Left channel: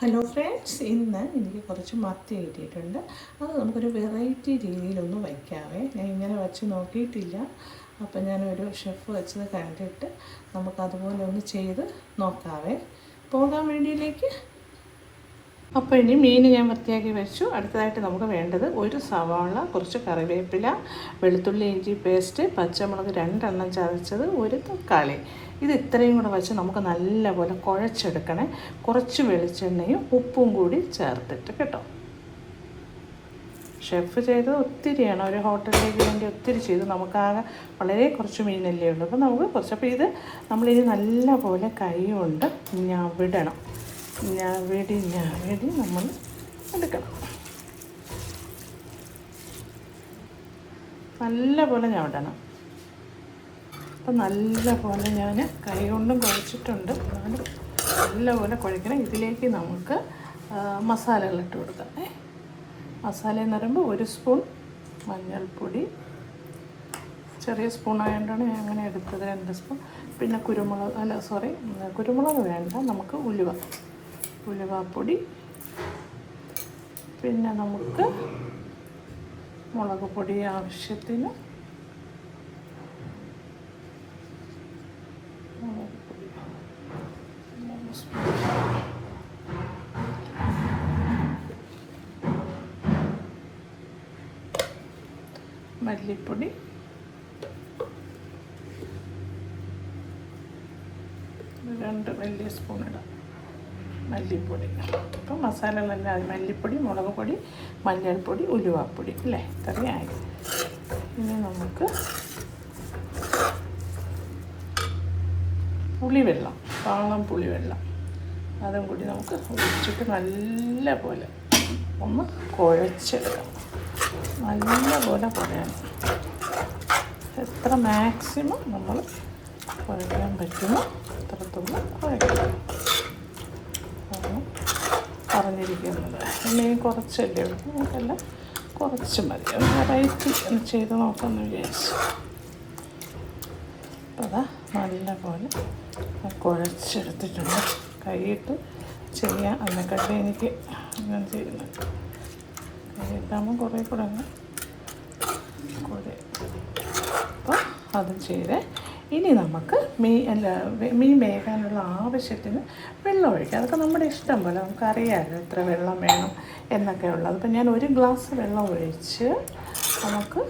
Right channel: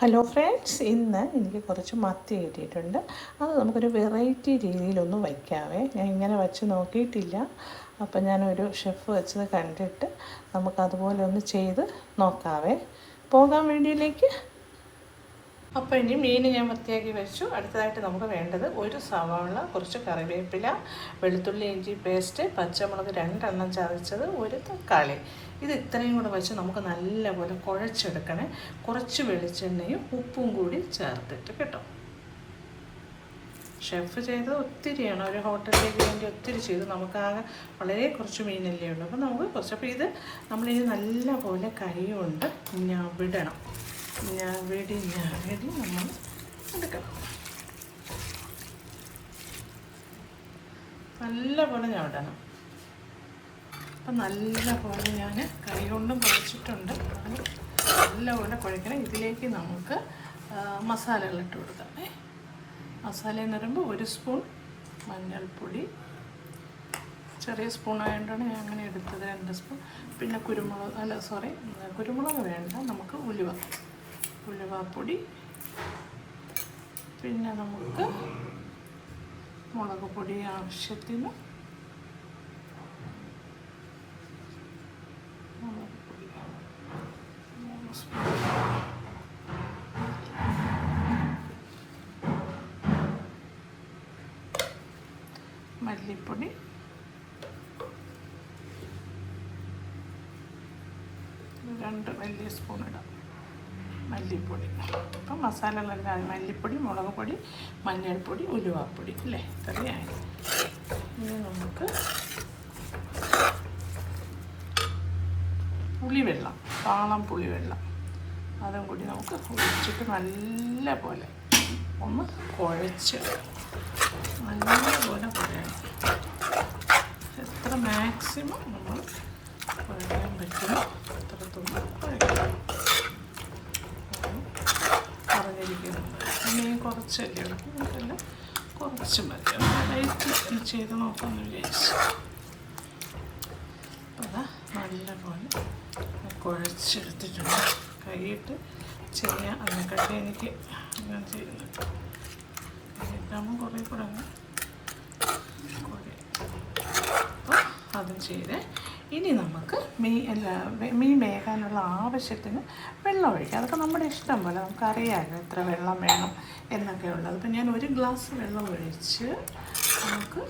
Hello friends, ഇന്ന് എനിക്ക് കുറച്ച് മത്തി കിട്ടിയിട്ടുണ്ട്. അത് നമുക്കൊരു വെറൈറ്റി രീതിയിലൊന്ന് വയ്ക്കാവേ. ഞാൻ ഇങ്ങനെ വച്ച് നോക്കിയിട്ടില്ല. അപ്പം ഞാനൊരു ഷെഫ് വെച്ചത് കണ്ടിട്ട് നമുക്കതുപോലെ ഒന്ന് ചെയ്ത് നോക്കാവേ. പോകാൻ വേണ്ടിയിലേക്ക്. അപ്പോൾ ഇനി മീൻ ഞാൻ വൃത്തിയാക്കി വെച്ചു. അടുത്തതായിട്ട് നമുക്ക് വേണ്ടത് ഒരു സവാള, കുറച്ച് കറിവേപ്പില, വെളുത്തുള്ളി ഇഞ്ചി പേസ്റ്റ്, പച്ചമുളക് 2 എണ്ണം ചതച്ചത്, ഒരു തക്കാളി. ഇത് ഇത്രയും കൂടെ വെച്ച് നമുക്ക് നല്ലപോലെ കുഴച്ചെടുക്കണേ. കുറച്ച് വെളിച്ചെണ്ണയും ഉപ്പും കൂടി ചേർത്തിട്ട് കേട്ടോ. ഷെഫ് ചെയ്തത് ഒത്തിരിയാണ്, ഒരു ഹോട്ടലിലേക്ക് വേണ്ടി ഒത്തിരി ചെയ്തു. നമുക്കാകെ വളരെ കുറച്ച് മീനല്ലേ ഉള്ളൂ. അപ്പോൾ നമുക്ക് കുറച്ച്, അപ്പോൾ ഇത് നമ്മളിനി നല്ലപോലെ കൈ കൊണ്ട് വിടണം. ഞവടി നമ്മൾ എടുക്കണം. നല്ലപോലെ ഞവടണം. അപ്പം നല്ലപോലെ ഞാൻ കൈ കൊണ്ടും കുഴച്ചിട്ടുണ്ട്. നല്ലപോലെ കുഴക്കണം. ഇതിലേക്ക് നമുക്ക് മസാലകളിട്ട് കൊടുക്കാം. മസാല എന്ന് പറയുമ്പോൾ 1 സ്പൂൺ മഞ്ഞൾപ്പൊടി, ചെറിയ സ്പൂൺ ആയതുകൊണ്ടാണ് ഞാൻ അങ്ങനെ എടുത്തത്. 2 സ്പൂൺ. പിന്നെ കുരുമുളക് വേണ്ട, നമുക്ക് ഉലുവാപ്പൊടി. പിന്നെ നമുക്ക് മുളക് പൊടി ആവശ്യത്തിന്, മല്ലിപ്പൊടി, രണ്ട് വലിയ സ്പൂൺ ഇടാം മല്ലിപ്പൊടി. അപ്പം മസാലകളെല്ലാം മല്ലിപ്പൊടി, മുളക് പൊടി, മഞ്ഞൾപ്പൊടി, ഉലുവാപ്പൊടി അല്ലേ, ഇത്രയായി. ഇനി നമുക്ക് പുളിവെള്ളം, പാളം പുളിവെള്ളം, അതും കൂടി നമുക്ക് ഒഴിച്ചിട്ട് നല്ലപോലെ ഒന്ന് കുഴച്ചെടുക്കാം. നല്ലപോലെ കുഴയണം. എത്ര മാക്സിമം നമ്മൾ കുഴക്കാൻ പറ്റുമോ അത്രത്തോളം കുഴക്കണം പറഞ്ഞിരിക്കുന്നത്. പിന്നെ കുറച്ചല്ലേ ഉള്ളൂ, നമുക്കെല്ലാം കുറച്ച് മതി. വെറൈറ്റി ചെയ്ത് നോക്കാമെന്ന് വിചാരിച്ചു. അപ്പോൾ അതാ നല്ലപോലെ കുഴച്ചെടുത്തിട്ടുണ്ട്. കൈയിട്ട് ചെയ്യാൻ അതിനെക്കാട്ടി എനിക്ക് അങ്ങനെ ചെയ്യുന്നത്. കൈയിട്ടാകുമ്പോൾ കുറേ കൂടെ അപ്പോൾ അതും ചെയ്തേ. ഇനി നമുക്ക് മീൻ വേകാനുള്ള ആവശ്യത്തിന് വെള്ളം ഒഴിക്കാം. അതൊക്കെ നമ്മുടെ ഇഷ്ടം പോലെ, നമുക്കറിയാമല്ലോ എത്ര വെള്ളം വേണം എന്നൊക്കെ ഉള്ളത്. അപ്പം ഞാൻ 1 ഗ്ലാസ് വെള്ളം ഒഴിച്ച്, നമുക്ക്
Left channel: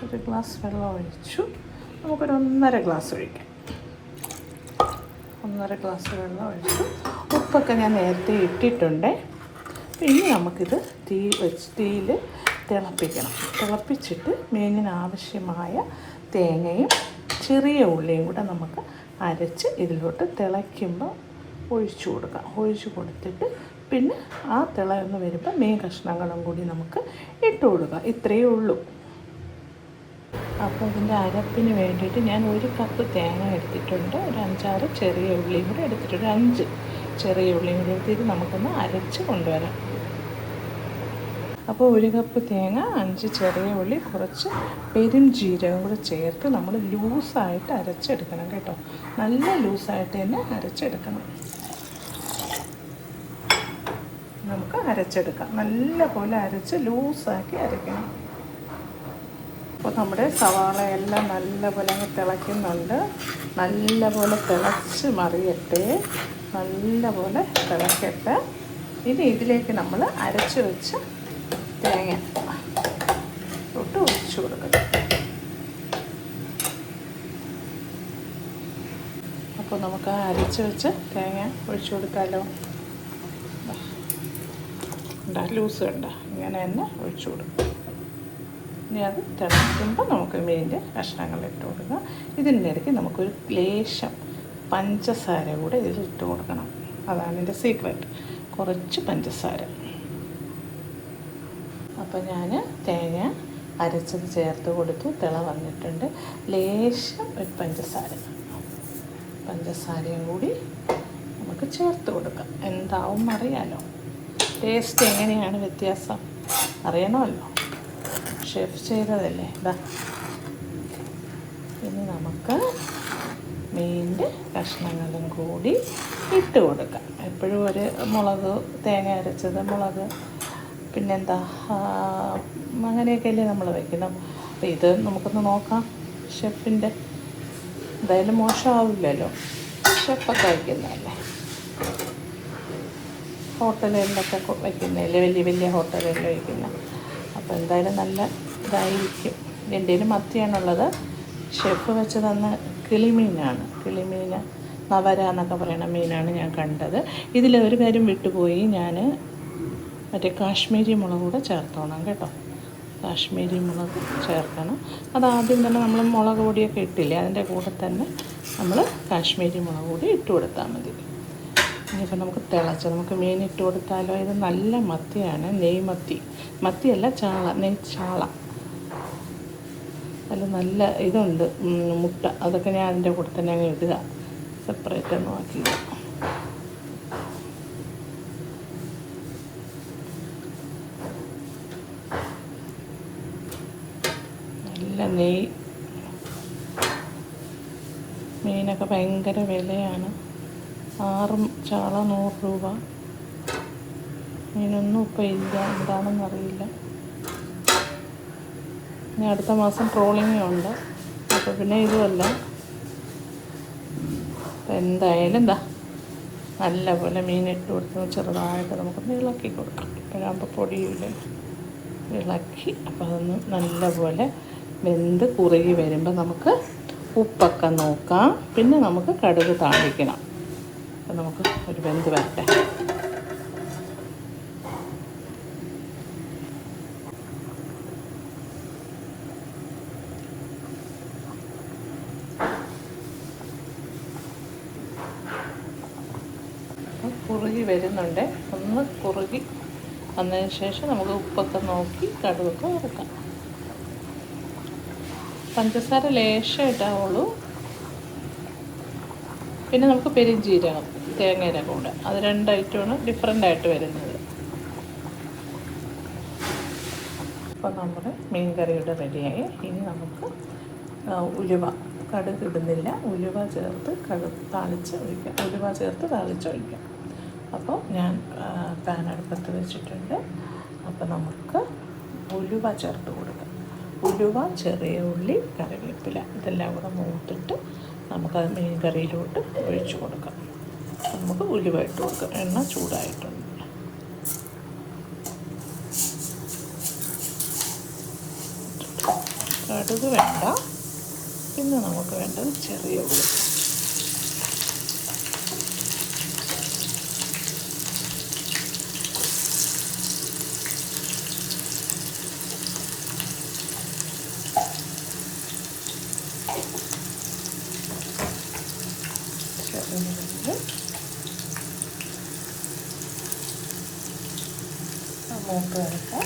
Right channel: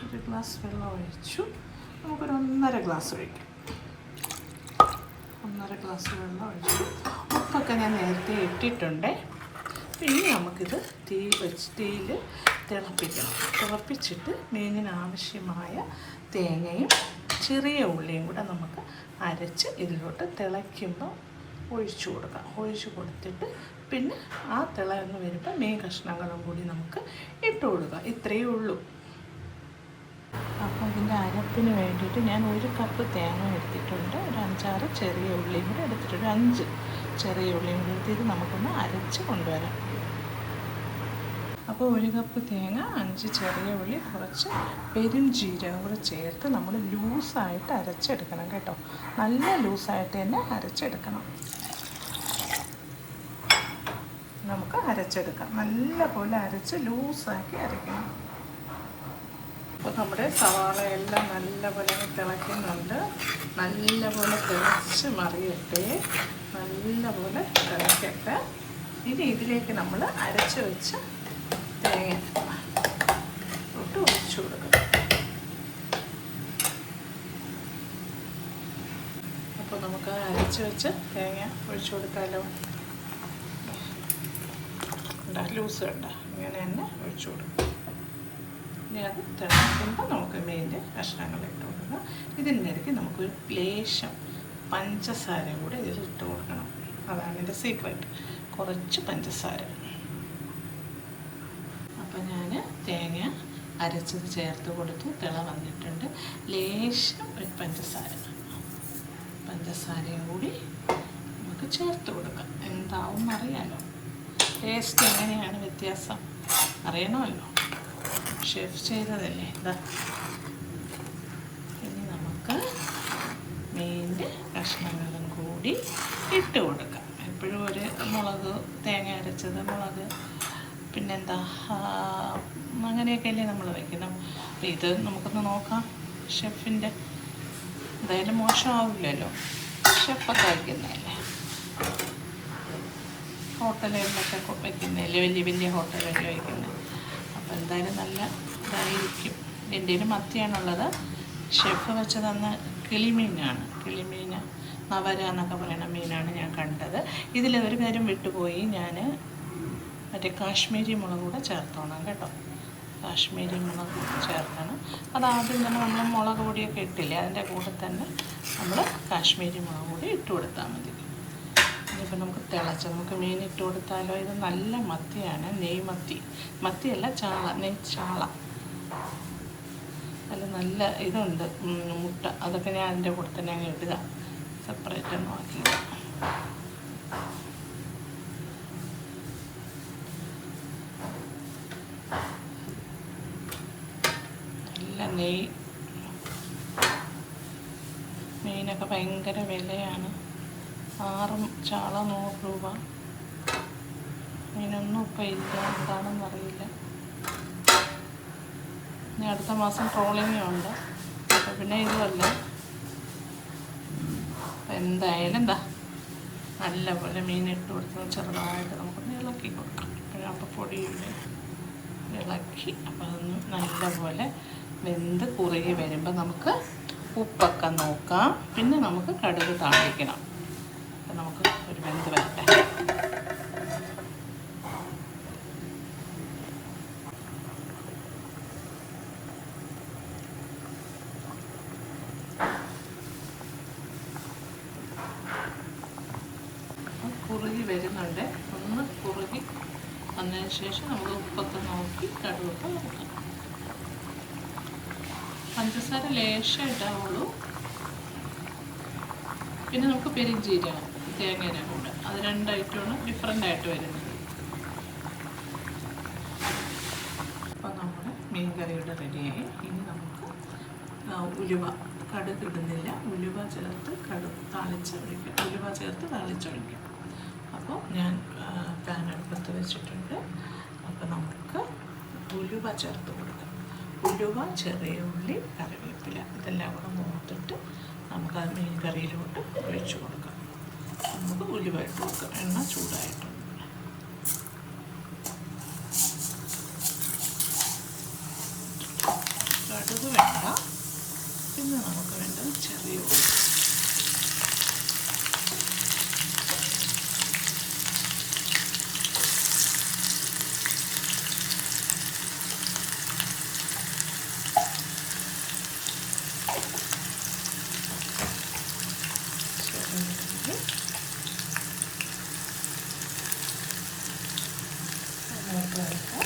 1 ഗ്ലാസ് വെള്ളം ഒഴിച്ചു. നമുക്കൊരു 1.5 ഗ്ലാസ് ഒഴിക്കാം. 1.5 ഗ്ലാസ് വെള്ളം ഒഴിച്ചു. ഉപ്പൊക്കെ ഞാൻ നേരത്തെ ഇട്ടിട്ടുണ്ട്. ഇനി നമുക്കിത് തീയിൽ തിളപ്പിക്കണം. തിളപ്പിച്ചിട്ട് മീനിന് ആവശ്യമായ തേങ്ങയും ചെറിയ ഉള്ളിയും കൂടെ നമുക്ക് അരച്ച് ഇതിലോട്ട് തിളയ്ക്കുമ്പോൾ ഒഴിച്ചു കൊടുക്കാം. ഒഴിച്ചു കൊടുത്തിട്ട് പിന്നെ ആ തിളയെന്ന് വരുമ്പോൾ മീൻ കഷ്ണങ്ങളും കൂടി നമുക്ക് ഇട്ട് കൊടുക്കാം. ഇത്രയേ ഉള്ളൂ. അപ്പോൾ ഇതിൻ്റെ അരപ്പിന് വേണ്ടിയിട്ട് ഞാൻ 1 കപ്പ് തേങ്ങ എടുത്തിട്ടുണ്ട്. ഒരു 5-6 ചെറിയ ഉള്ളിയും കൂടെ എടുത്തിട്ടുണ്ട്. 5 ചെറിയ ഉള്ളിയും കൂടെ എടുത്തിട്ട് നമുക്കൊന്ന് അരച്ച് കൊണ്ടുവരാം. അപ്പോൾ 1 കപ്പ് തേങ്ങ, 5 ചെറിയ ഉള്ളി, കുറച്ച് പെരും ജീരകം കൂടെ ചേർത്ത് നമ്മൾ ലൂസായിട്ട് അരച്ചെടുക്കണം കേട്ടോ. നല്ല ലൂസായിട്ട് തന്നെ അരച്ചെടുക്കണം. നമുക്ക് അരച്ചെടുക്കാം. നല്ല പോലെ അരച്ച് ലൂസാക്കി അരയ്ക്കണം. അപ്പോൾ നമ്മുടെ സവാള എല്ലാം നല്ലപോലെ തിളയ്ക്കുന്നുണ്ട്. നല്ലപോലെ തിളച്ച് മറിയട്ടെ, നല്ലപോലെ തിളക്കട്ടെ. ഇനി ഇതിലേക്ക് നമ്മൾ അരച്ച് വെച്ച തേങ്ങ ഇട്ട് ഒഴിച്ചു കൊടുക്കണം. അപ്പോൾ നമുക്ക് അരച്ച് വെച്ച് തേങ്ങ ഒഴിച്ചു കൊടുക്കാമല്ലോ. ലൂസ് ഉണ്ട്, ഇങ്ങനെ തന്നെ ഒഴിച്ചു കൊടുക്കും. ഇനി അത് തിളയ്ക്കുമ്പോൾ നമുക്ക് മീനിൻ്റെ കഷ്ണങ്ങൾ ഇട്ട് കൊടുക്കാം. ഇതിൻ്റെ ഇടയ്ക്ക് നമുക്കൊരു ലേശം പഞ്ചസാര കൂടെ ഇതിൽ ഇട്ട് കൊടുക്കണം. അതാണ് ഇതിൻ്റെ സീക്രട്ട്, കുറച്ച് പഞ്ചസാര. അപ്പോൾ ഞാൻ തേങ്ങ അരച്ചത് ചേർത്ത് കൊടുത്തു. തിള വന്നിട്ടുണ്ട്. ലേശം ഒരു പഞ്ചസാരയും കൂടി നമുക്ക് ചേർത്ത് കൊടുക്കാം. എന്താവും അറിയാലോ, ടേസ്റ്റ് എങ്ങനെയാണ് വ്യത്യാസം അറിയണമല്ലോ. ഷെഫ് ചെയ്തതല്ലേ. ഇതാ, ഇനി നമുക്ക് മീൻ ചിക്കൻ്റെ കഷ്ണങ്ങളും കൂടി ഇട്ട് കൊടുക്കാം. എപ്പോഴും ഒരു മുളക്, തേങ്ങ അരച്ചത്, മുളക്, പിന്നെന്താ അങ്ങനെയൊക്കെയല്ലേ നമ്മൾ വയ്ക്കണം. അപ്പോൾ ഇത് നമുക്കൊന്ന് നോക്കാം. ഷെഫിൻ്റെ എന്തായാലും മോശമാവില്ലല്ലോ, ഷെഫൊക്കെ വയ്ക്കുന്നതല്ലേ, ഹോട്ടലുകളിലൊക്കെ വയ്ക്കുന്നതല്ലേ, വലിയ വലിയ ഹോട്ടലുകളിൽ വയ്ക്കുന്നത്. അപ്പോൾ എന്തായാലും നല്ല ഇതായിരിക്കും. എൻ്റെ കയ്യിൽ മത്തിയാണുള്ളത്. ഷെഫ് വെച്ച് തന്ന കിളിമീനാണ്. കിളിമീൻ നവര എന്നൊക്കെ പറയുന്ന മീനാണ് ഞാൻ കണ്ടത്. ഇതിൽ ഒരു കാര്യം വിട്ടുപോയി, ഞാൻ മറ്റേ കാശ്മീരി മുളക് കൂടെ ചേർത്തോണം കേട്ടോ. കാശ്മീരി മുളക് ചേർക്കണം. അതാദ്യം തന്നെ നമ്മൾ മുളക് പൊടിയൊക്കെ ഇട്ടില്ലേ, അതിൻ്റെ കൂടെ തന്നെ നമ്മൾ കാശ്മീരി മുളക് പൊടി ഇട്ട് കൊടുത്താൽ മതി. ഇനിയിപ്പോൾ നമുക്ക് നമുക്ക് മീൻ ഇട്ട് കൊടുത്താലോ. ഇത് നല്ല മത്തിയാണ്, നെയ് മത്തി. മത്തിയല്ല, ചാള, നെയ് ചാള. അതിൽ നല്ല ഇതുണ്ട്, മുട്ട. അതൊക്കെ ഞാൻ അതിൻ്റെ കൂടെ തന്നെ അങ്ങ് ഇടുക, സെപ്പറേറ്റ് ഒന്നും ആക്കിയില്ല. നല്ല നെയ്. മീനൊക്കെ ഭയങ്കര വിലയാണ്. 6 ചാള 100 രൂപ. മീനൊന്നും ഇപ്പം ഇല്ല, എന്താണെന്ന് അറിയില്ല. ഇനി അടുത്ത മാസം ട്രോളിങ്ങും ഉണ്ട്. അപ്പോൾ പിന്നെ ഇതുമല്ല. അപ്പം എന്തായാലും നല്ലപോലെ മീനിട്ട് കൊടുത്ത് ചെറുതായിട്ട് നമുക്കൊന്ന് ഇളക്കി കൊടുക്കാം. ഇപ്പോഴാകുമ്പോൾ പൊടിയില്ല, ഇളക്കി. അപ്പോൾ അതൊന്ന് നല്ലപോലെ വെന്ത് കുറുകി വരുമ്പോൾ നമുക്ക് ഉപ്പൊക്കെ നോക്കാം. പിന്നെ നമുക്ക് കടുക് താളിക്കണം. അപ്പോൾ നമുക്ക് ഒരു വെന്ത് വരട്ടെ. കുറുകി വരുന്നുണ്ട്. ഒന്ന് കുറുകി വന്നതിന് ശേഷം നമുക്ക് ഉപ്പൊക്കെ നോക്കി കടുകൊക്കെ വറുക്കാം. പഞ്ചസാര ലേശം ഇട്ടാവുള്ളൂ. പിന്നെ നമുക്ക് പെരുംജീരകം, തേങ്ങയുടെ കൂടെ, അത് 2 ഐറ്റമാണ് ഡിഫറെൻ്റായിട്ട് വരുന്നത്. അപ്പോൾ നമ്മുടെ മീൻ കറിയുടെ റെഡിയായി. ഇനി നമുക്ക് ഉലുവ, കടുക് ഇടുന്നില്ല, ഉലുവ ചേർത്ത് താളിച്ചൊഴിക്കാം. ഉലുവ ചേർത്ത് താളിച്ചൊഴിക്കാം. അപ്പോൾ ഞാൻ പാൻ അടുപ്പത്ത് വെച്ചിട്ടുണ്ട്. അപ്പോൾ നമുക്ക് ഉലുവ ചേർത്ത് കൊടുക്കാം. ഉലുവ, ചെറിയ ഉള്ളി, കറിവേപ്പില, ഇതെല്ലാം കൂടെ മൂത്തിട്ട് നമുക്കത് മീൻ കറിയിലോട്ട് ഒഴിച്ചു കൊടുക്കാം. നമുക്ക് ഉലുവ ഇട്ട് കൊടുക്കാം. എണ്ണ ചൂടായിട്ടുണ്ട്. കടുക് വേണ്ട. പിന്നെ നമുക്ക് വേണ്ടത് ചെറിയ ഉള്ളി. മൂത്ത് വരക്കാം.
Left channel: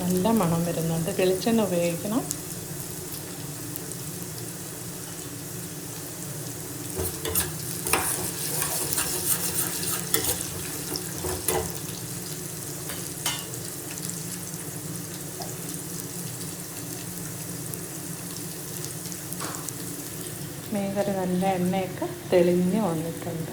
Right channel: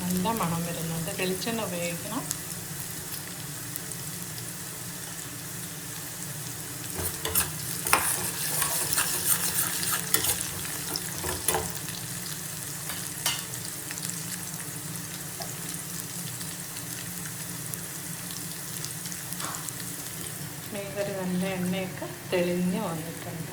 നല്ല മണം വരുന്നുണ്ട്. വെളിച്ചെണ്ണ ഉപയോഗിക്കണം. മേഖല നല്ല എണ്ണയൊക്കെ തെളിഞ്ഞ് വന്നിട്ടുണ്ട്.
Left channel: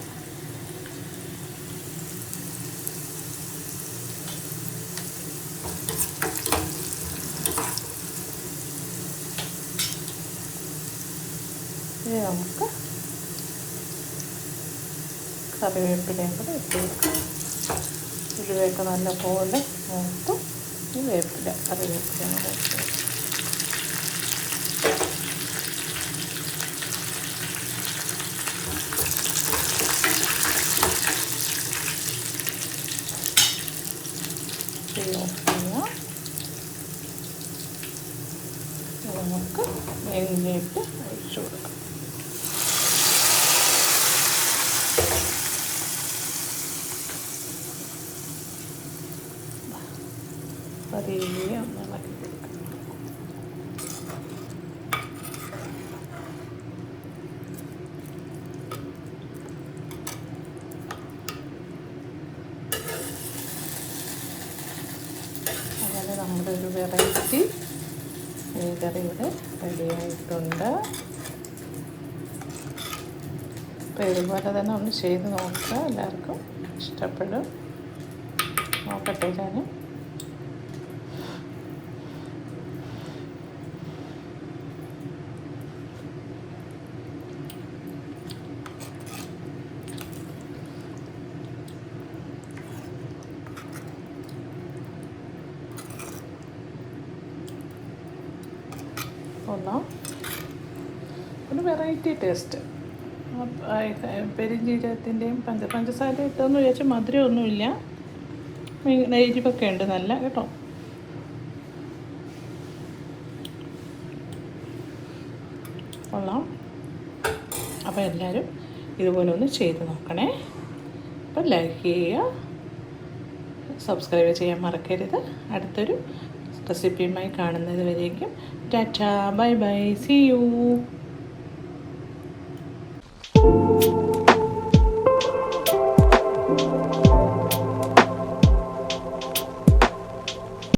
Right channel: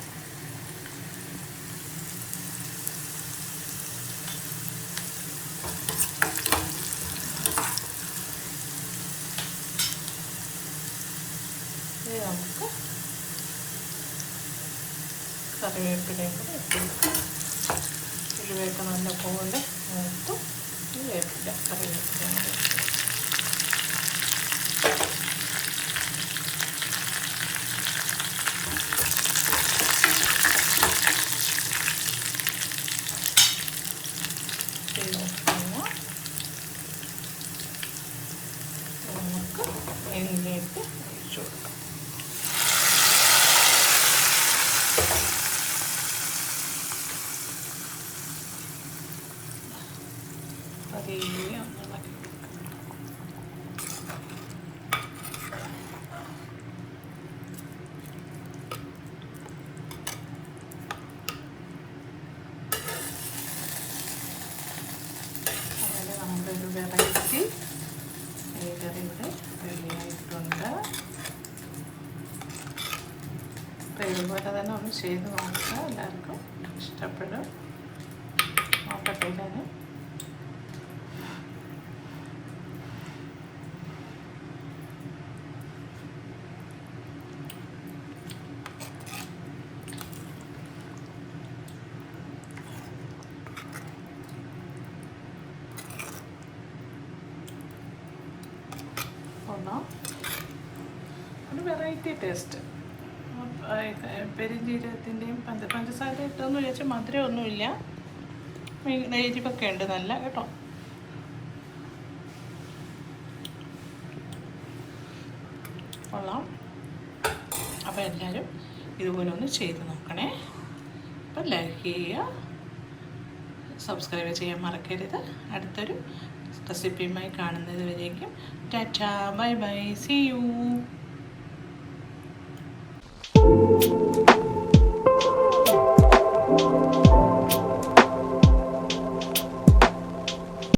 ഇനി നമുക്ക് കറിവേപ്പിലയും കൂടെ ഇട്ട് കൊടുക്കാം. ഉലുവയൊക്കെ നല്ല പോലെ മൂത്ത് വേപ്പില, കറിവേപ്പിലയും കൂടെ ശരിയാക്കുക. നമുക്ക് എണ്ണയിലേക്ക് ഒഴിച്ചു കൊടുക്കാം. പതിയെ നമ്മളൊരു വെറൈറ്റി മീൻകറി ഇവിടെ റെഡിയായിട്ടുണ്ട്. അപ്പോൾ ഇതുപോലെ തന്നെ ഒന്ന് ചെയ്ത് നോക്കുക, എല്ലാവർക്കും ഇഷ്ടപ്പെടും. നോക്കട്ടെ ഞാൻ ഒരു വെറൈറ്റി ടേസ്റ്റ്. പെരുംജീരകത്തിൻ്റെയും പഞ്ചസാര ഇട്ടൊന്നും വിചാരിച്ച് മധുരമൊന്നുമില്ല, എരിവൊക്കെ ഉണ്ട് നല്ല കേട്ടോ. കൊള്ളാം. അപ്പോൾ എല്ലാവരും ഇതുപോലെ ഒന്ന് ചെയ്ത് നോക്കണേ. അപ്പോൾ ലൈക്ക് ചെയ്യുക, സബ്സ്ക്രൈബ് ചെയ്യാൻ മറക്കരുത്. അടുത്തൊരു റെസിപ്പിയുമായി കാണുന്നത് വരേക്കും tata, bye bye, see U.